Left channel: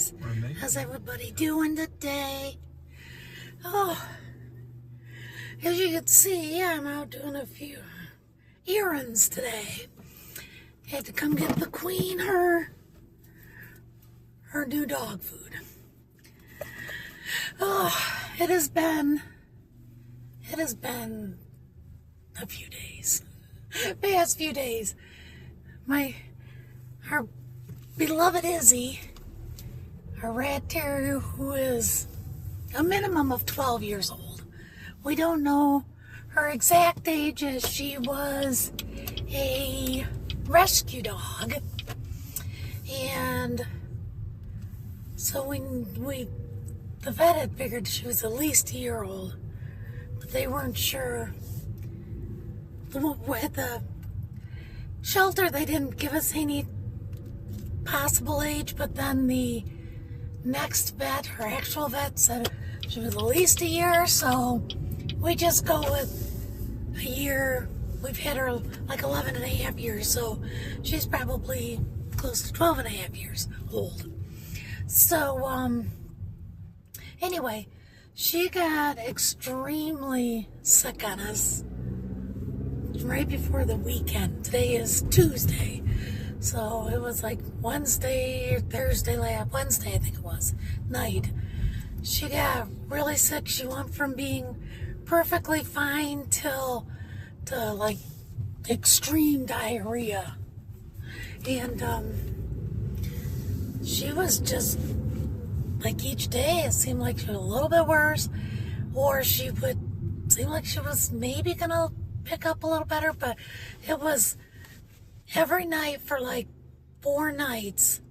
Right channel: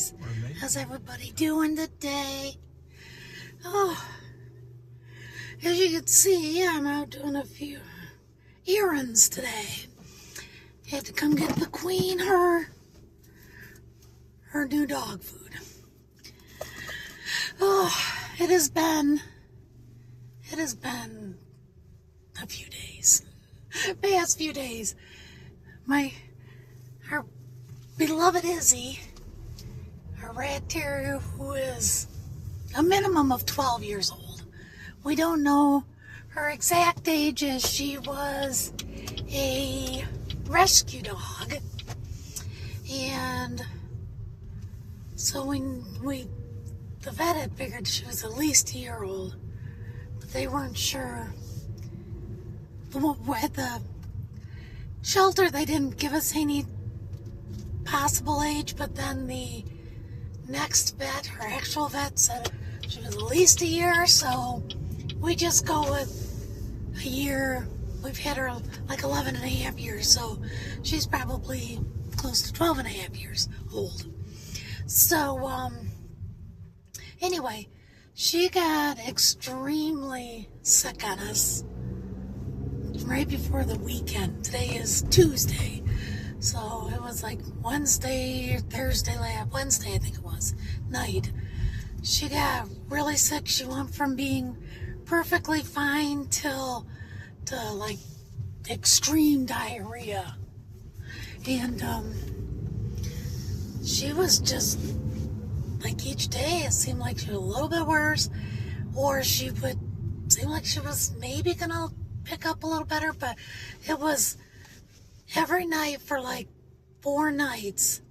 guys. How's everybody doing today? Oh, as you can see, I'm out doing a few errands today. Had to come get the queen her new dog food. Oh, it has been a few days. Past few days. Our beloved Izzy, our rat terrier, who is a minimum of 12 years old. We don't know her exact age, as she was a rescue dog. And so the vet had figured she was at least a year old, but they weren't sure. At the shelter, they didn't give us any possible age, but then the next vet, her actual vet, said she was at least a year, so we just go with a year. We've had her like 11 and a half years, so she's probably close to 12 and a half years old. So, anyway, she got extremely sick on us right before the weekend. Today is Tuesday, so it was like Wednesday or Thursday, Wednesday I think it was, night. She got really sick. She went from being perfectly fine to like extreme diarrhea. And she was just like, each day it seemed like she was a little bit worse, or she would seem like she was maybe gonna pick up a little better, but it was every night for like 4 nights.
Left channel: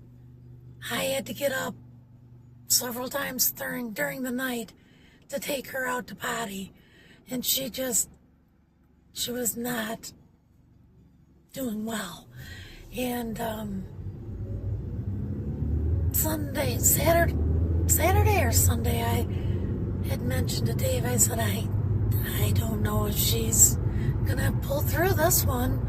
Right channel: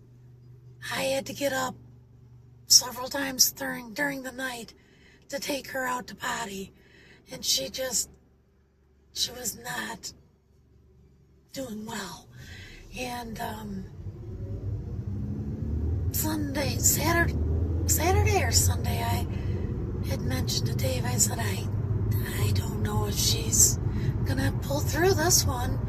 I had to get up several times during the night to take her out to potty, and she was not doing well. And Saturday or Sunday, I had mentioned to Dave, I said, I don't know if she's gonna pull through this one.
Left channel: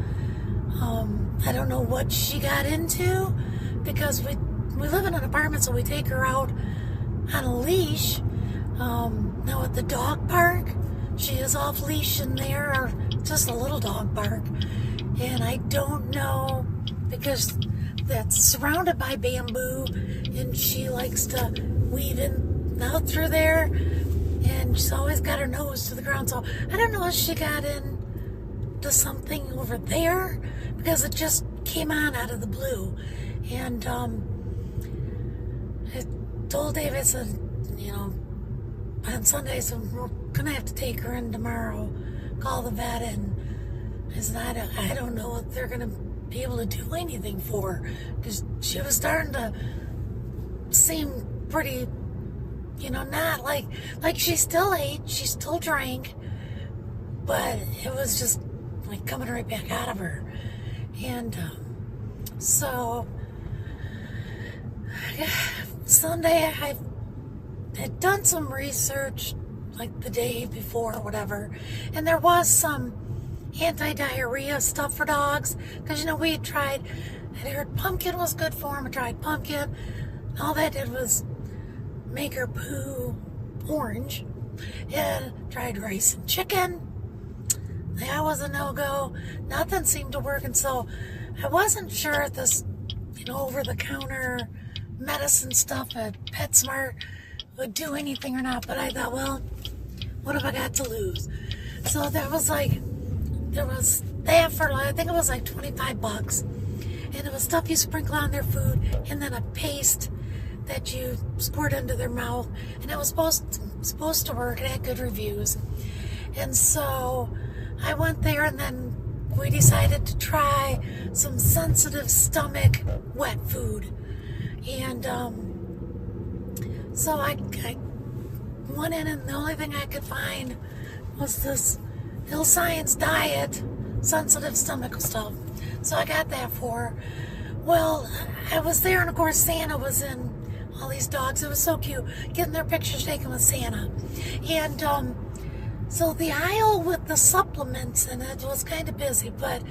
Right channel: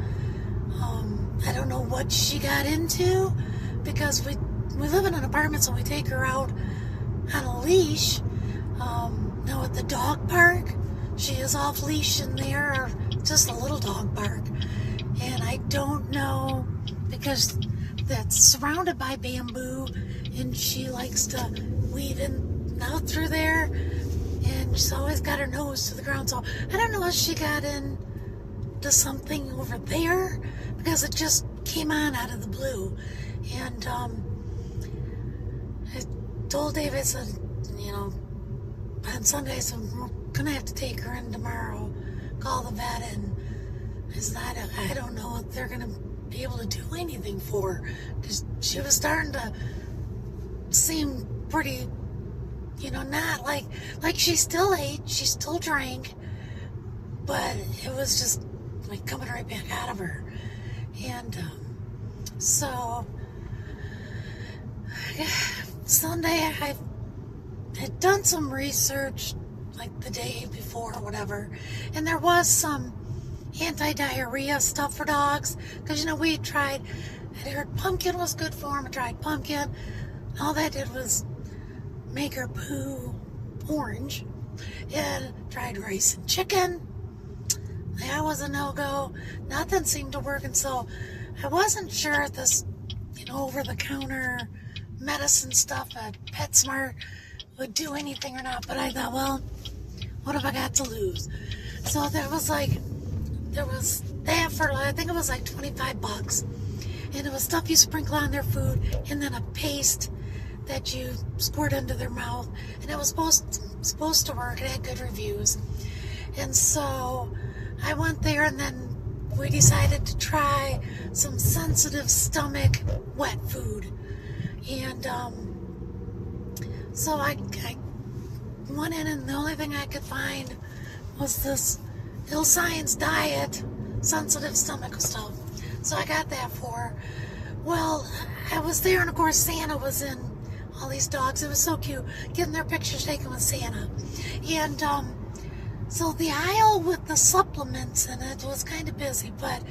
I don't know what she got into, because we live in an apartment, so we take her out on a leash. Now at the dog park, she is off leash in there, or just a little dog park. And I don't know, because that's surrounded by bamboo, and she likes to weave in out through there, and she's always got her nose to the ground. So I don't know if she got into something over there, because it just came on out of the blue. And I told Dave, I said, on Sunday, I said, we're gonna have to take her in tomorrow, call the vet, and I said, I don't know if they're gonna be able to do anything for her, because she was starting to seem pretty, not like she still ate, she still drank, but it was just like coming right back out of her. And so Sunday, I had done some research like the day before or whatever, and there was some anti-diarrhea stuff for dogs, because we had tried, I heard pumpkin was good for them. I tried pumpkin. All that did was make her poo orange. And tried rice and chicken. That was a no-go. Nothing seemed to work, and so I wasn't sure if this over-the-counter medicine stuff at PetSmart would do anything or not. But I thought, well, what have I got to lose? So there was that for, I think it was like $25, and it was stuff you sprinkle on their food, and then a paste that you squirt into their mouth, and it was supposed to work. It had good reviews. And so I went there, and then we decided to try some sensitive stomach wet food. And so I went in, and the only thing I could find was this Ill Science Diet sensitive stomach stuff. So I got that for her. Well, I was there, and of course Santa was in all these dogs. It was so cute, getting their pictures taken with Santa. And so the aisle with the supplements in it was kind of busy, but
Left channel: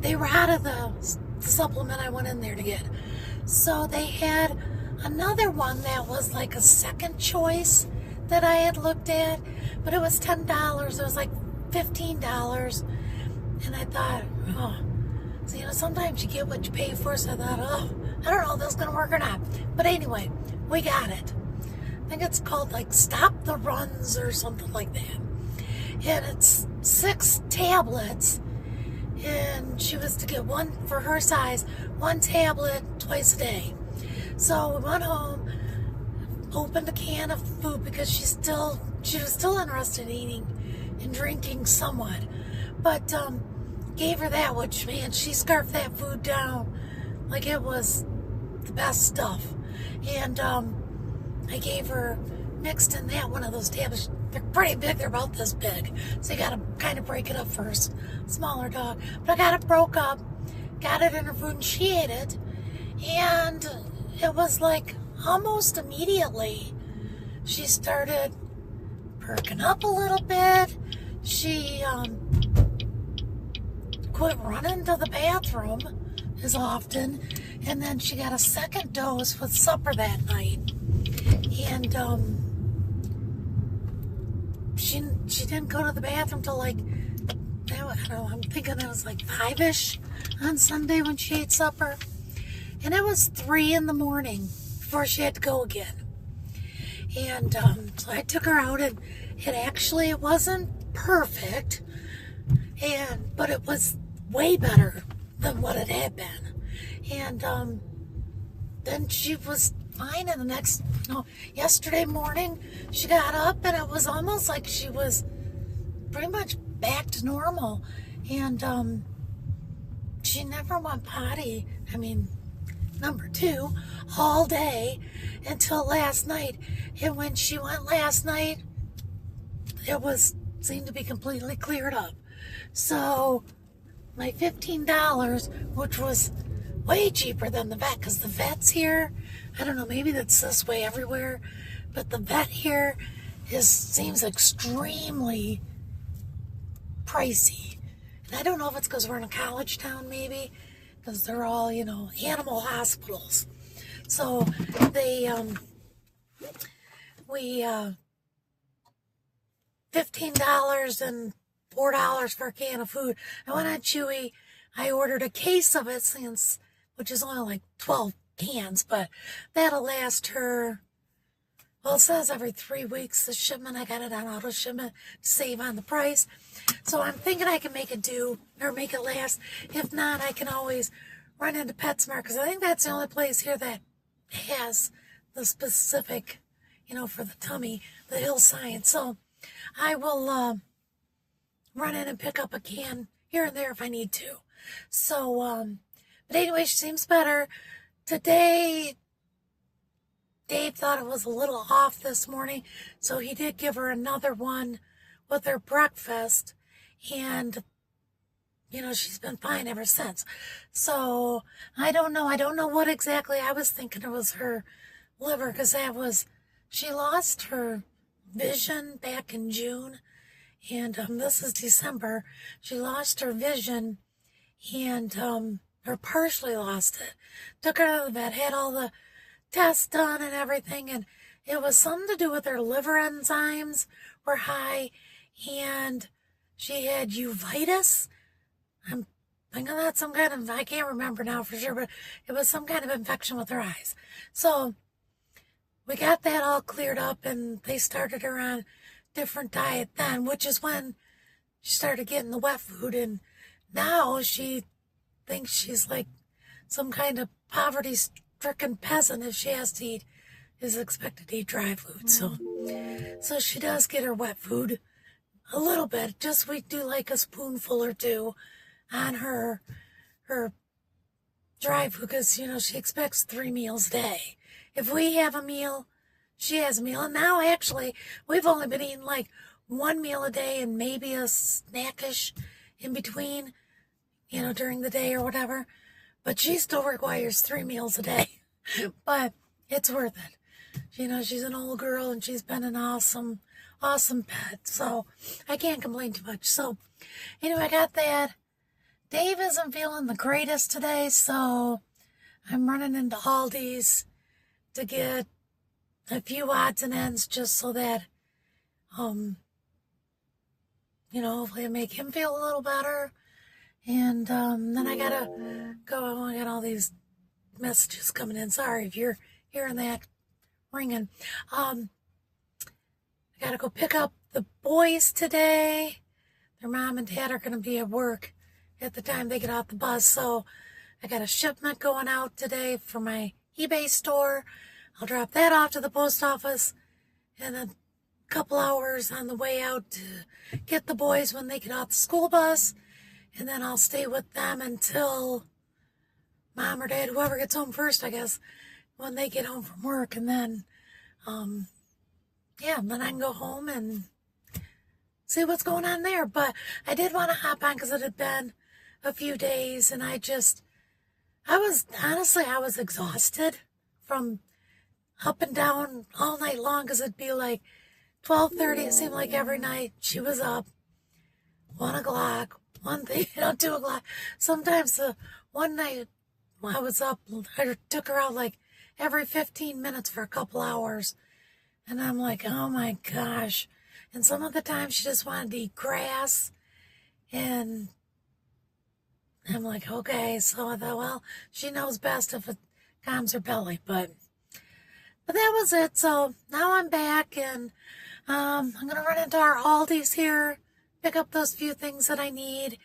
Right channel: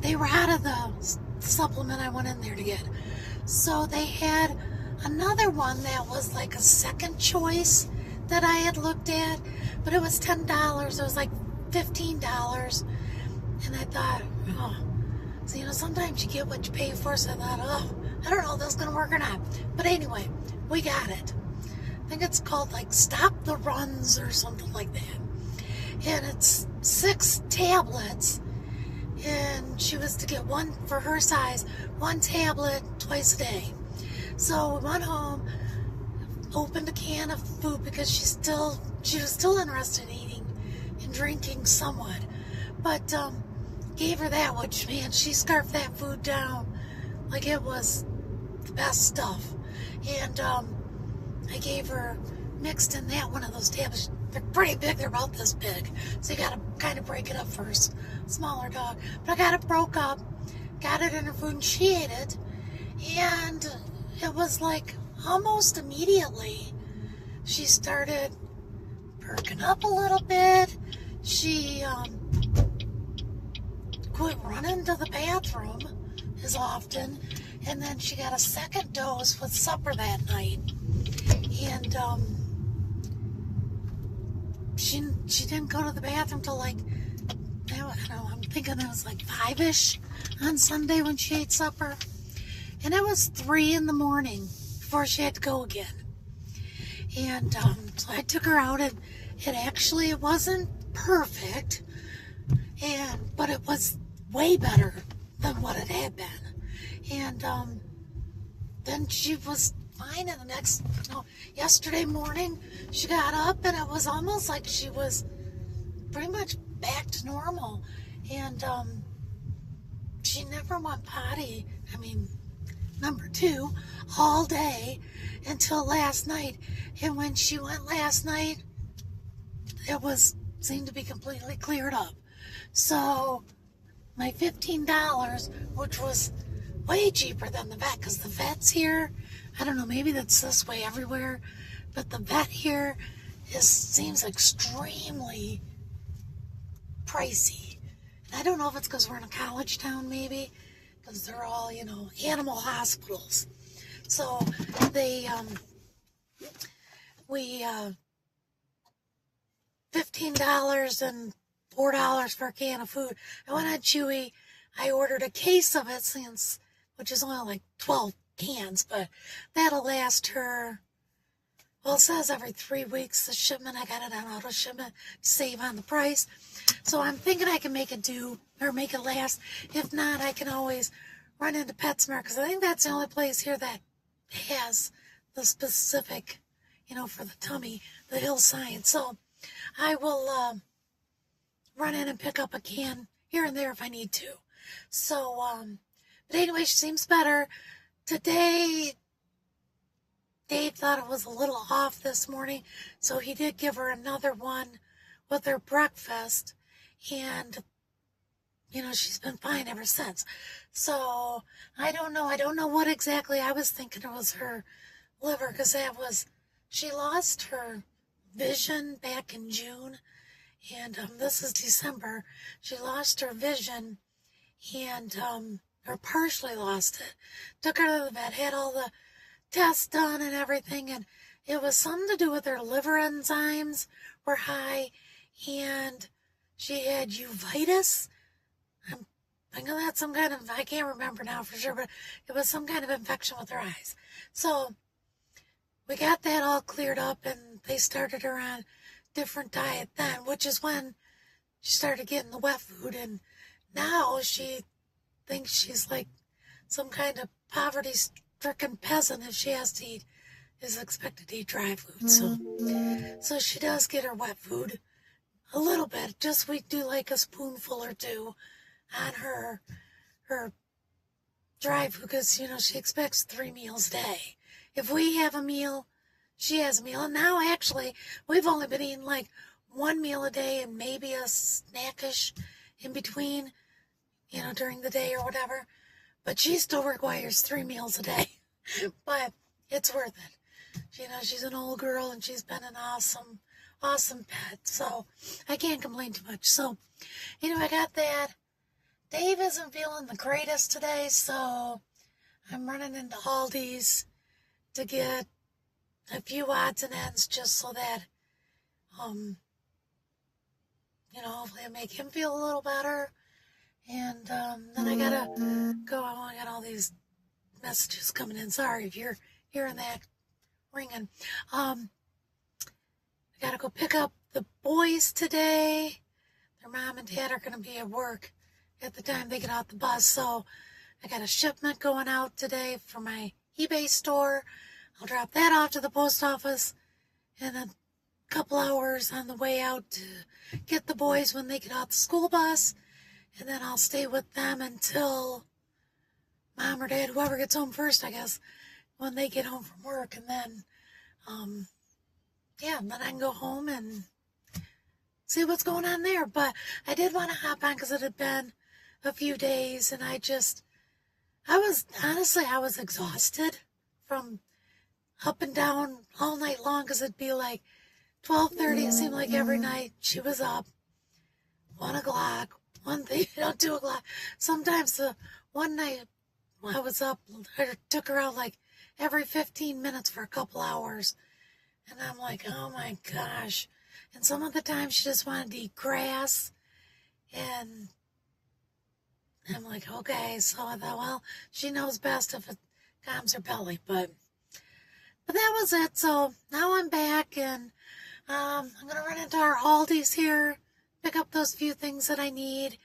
they were out of the supplement I went in there to get. So they had another one that was like a second choice that I had looked at, but it was $10. It was like $15. And I thought, oh, so, sometimes you get what you pay for. So I thought, oh, I don't know if this is going to work or not. But anyway, we got it. I think it's called like Stop the Runs or something like that. And it's 6 tablets. And she was to get one for her size, 1 tablet twice a day. So we went home, opened a can of food because she was still interested in eating and drinking somewhat. But gave her that, which, man, she scarfed that food down like it was the best stuff. And I gave her, mixed in that, one of those tablets. They're pretty big, they're about this big. So you gotta kind of break it up first. Smaller dog. But I got it broke up, got it in her food, and she ate it. And it was like almost immediately she started perking up a little bit. She quit running to the bathroom as often, and then she got a second dose with supper that night. And she didn't go to the bathroom till like, I don't know, I'm thinking it was like 5-ish on Sunday when she ate supper. And it was 3 in the morning before she had to go again. And so I took her out, and it wasn't perfect, but it was way better than what it had been. And then she was fine. And yesterday morning, she got up, and it was almost like she was pretty much back to normal. And she never went potty. I mean, number 2, all day until last night. And when she went last night, it seemed to be completely cleared up. So my $15, which was way cheaper than the vet, because the vet's here, I don't know, maybe that's this way everywhere, but the vet here seems extremely pricey. And I don't know if it's because we're in a college town, maybe, because they're all, animal hospitals. So $15 and $4 for a can of food. I went on Chewy. I ordered a case of it, which is only like 12 cans, but that'll last her, well, it says every 3 weeks, the shipment. I got it on auto shipment to save on the price. So I'm thinking I can make it make it last. If not, I can always run into PetSmart, because I think that's the only place here that has the specific, for the tummy, the Hill Science. So I will run in and pick up a can here and there if I need to. So, but anyway, she seems better. Today, Dave thought it was a little off this morning, so he did give her another one with her breakfast, and she's been fine ever since. So I don't know what exactly. I was thinking it was her liver, because she lost her vision back in June, and this is December. She lost her vision, and or partially lost it. Took her to the vet, had all the tests done and everything, and it was something to do with her liver enzymes were high, and she had uveitis. I'm thinking that's some kind of, I can't remember now for sure, but it was some kind of infection with her eyes. So we got that all cleared up, and they started her on different diet then, which is when she started getting the wet food, and now she thinks she's like some kind of poverty-stricken peasant if she is expected to eat dry food. So she does get her wet food a little bit. We do like a spoonful or 2 on her dry food, because, she expects 3 meals a day. If we have a meal, she has a meal. And now, actually, we've only been eating like 1 meal a day and maybe a snackish in between, during the day or whatever. But she still requires 3 meals a day. But it's worth it. She's an old girl, and she's been an awesome pet. So I can't complain too much. So anyway, I got that. Dave isn't feeling the greatest today, so I'm running into Aldi's to get a few odds and ends just so that, hopefully I make him feel a little better. And then I gotta go. I got all these messages coming in. Sorry if you're hearing that ringing. I gotta go pick up the boys today. Their mom and dad are gonna be at work at the time they get off the bus, so I got a shipment going out today for my eBay store. I'll drop that off to the post office in a couple hours on the way out to get the boys when they get off the school bus. And then I'll stay with them until mom or dad, whoever gets home first, I guess, when they get home from work. And then, then I can go home and see what's going on there. But I did want to hop on because it had been a few days, and I was exhausted from up and down all night long because it'd be like 12:30. It seemed like every night she was up. 1 o'clock, 2 o'clock. Sometimes the one night I was up, I took her out like every 15 minutes for a couple hours. And I'm like, oh my gosh. And some of the time she just wanted to eat grass. And I'm like, okay. So I thought, well, she knows best if it calms her belly. But that was it. So now I'm back, and I'm going to run into our Aldi's here, pick up those few things that I need,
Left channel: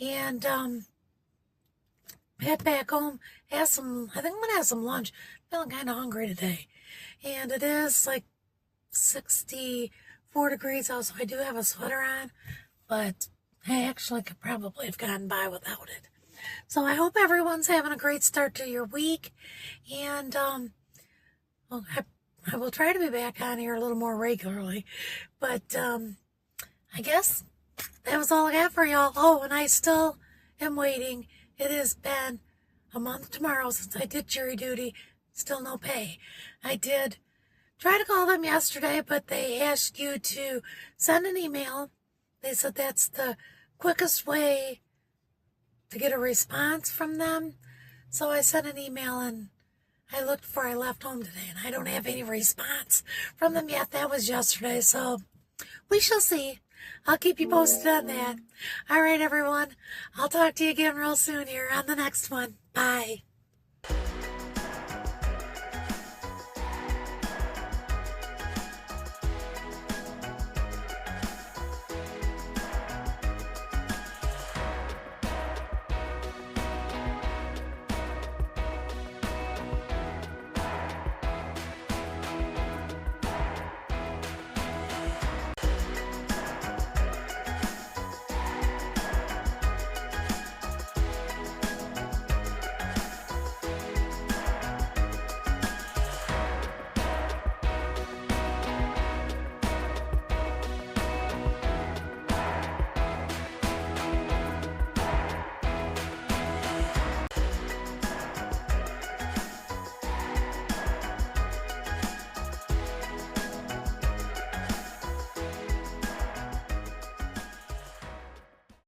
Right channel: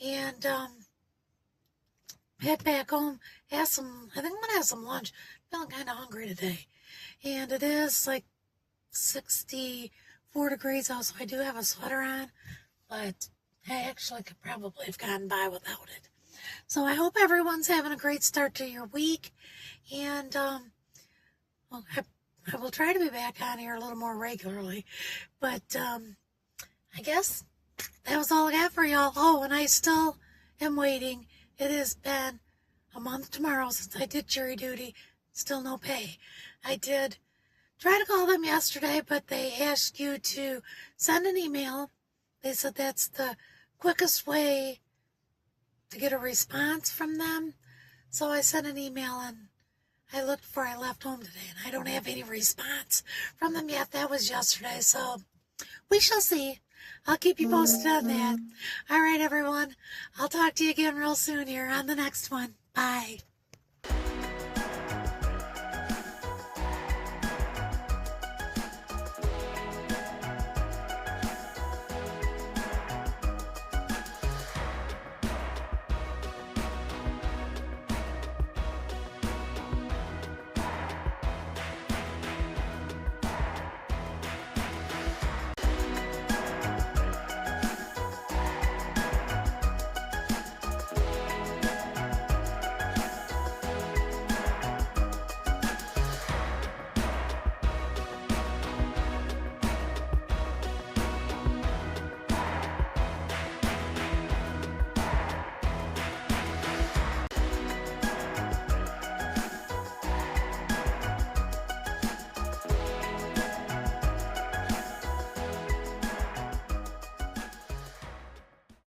and head back home. I think I'm going to have some lunch. Feeling kind of hungry today. And it is like 64 degrees out, so I do have a sweater on, but I actually could probably have gotten by without it. So I hope everyone's having a great start to your week, and I will try to be back on here a little more regularly, but I guess that was all I got for y'all. Oh, and I still am waiting. It has been a month tomorrow since I did jury duty. Still no pay. I did try to call them yesterday, but they asked you to send an email. They said that's the quickest way to get a response from them. So I sent an email, and I looked before I left home today, and I don't have any response from them yet. That was yesterday, so we shall see. I'll keep you posted on that. All right, everyone. I'll talk to you again real soon here on the next one. Bye.